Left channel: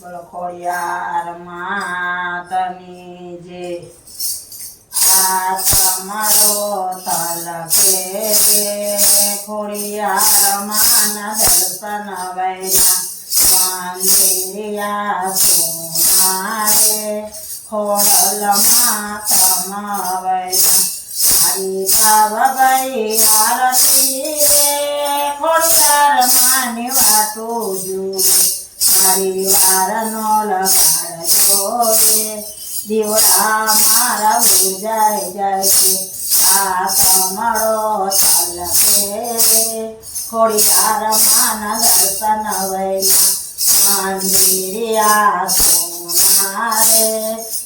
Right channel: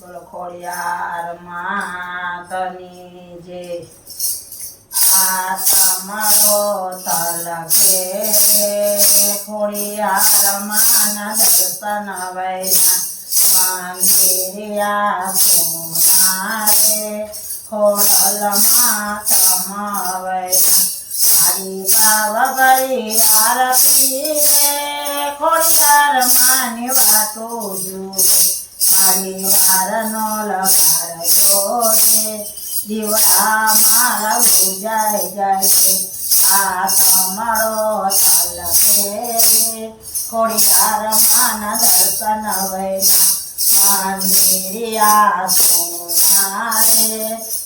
બોલો ખોડિયાર માતની જે આ તમારો તલકે ખોડિયાર માના દર્શન વૈના મંદિરિયા સોના રે ખોડલ માતમા વૈના મારી ગાવ ભરી આરતી રે ખોડિયાર માની વાતો જુએ મારી વારનો લગાડજો રે દીવડા મારા ઉજાય જાય છે આ તમારો તલકે રે ખોડિયાર માના દર્શન વૈના મંદિરિયા સોના રે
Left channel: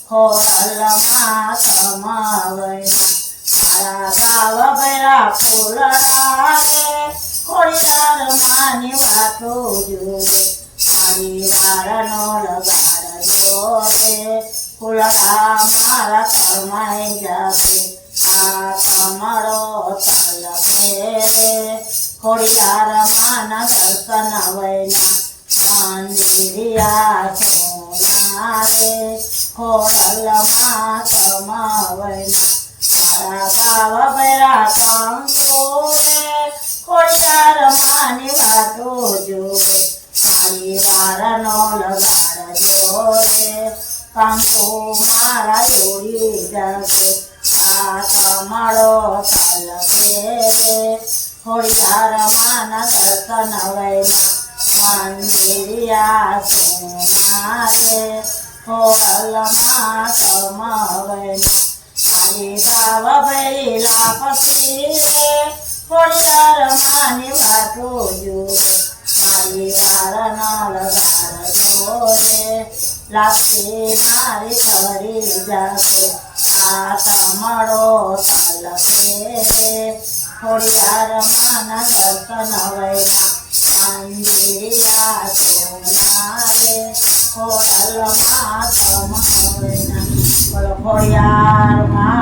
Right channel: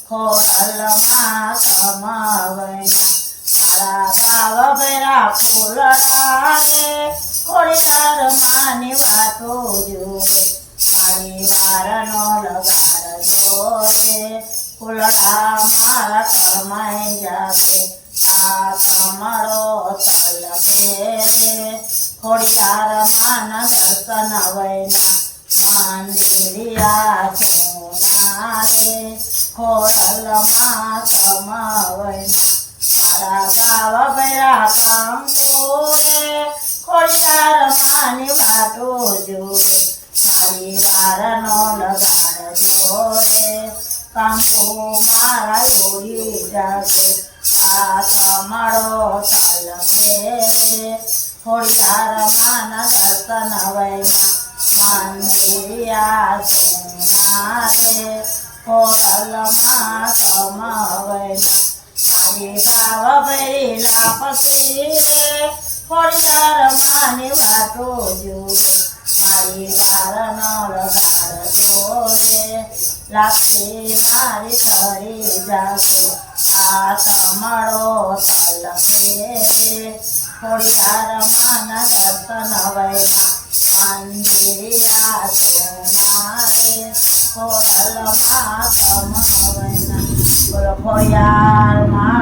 ખોડલ માતમા વૈના મારા ગાવ ભૈરા ફૂલડા રે ખોડિયાર માની વાતો જોવે મારી વારનો લગાડજો રે ફૂલડા મારા કરમાઈ જાવે આ તમારો તલકે રે ખોડિયાર માના દર્શન વૈના મંદિરિયા સોના રે ખોડલ માતમા વૈના મારા ગાવ ભૈરા કંકો રે ખોડિયાર માની વાતો જોવે મારી વારનો લગાડજો રે કંકુ મારા જોડી જાગે આ તમારો તલકે રે ખોડિયાર માના દર્શન વૈના મંદિરિયા સોના રે ખોડલ માતમા વૈના મારી ગાવ ભરી લાપસી રે ખોડિયાર માની વાતો જોવે મારી વારનો લગાડજો રે લાપસી મારી ચડી જાગે આ તમારો તલકે રે ખોડિયાર માના દર્શન વૈના મંદિરિયા સોના રે ખોડલ માતમા વૈના બોલો ખોડિયાર મા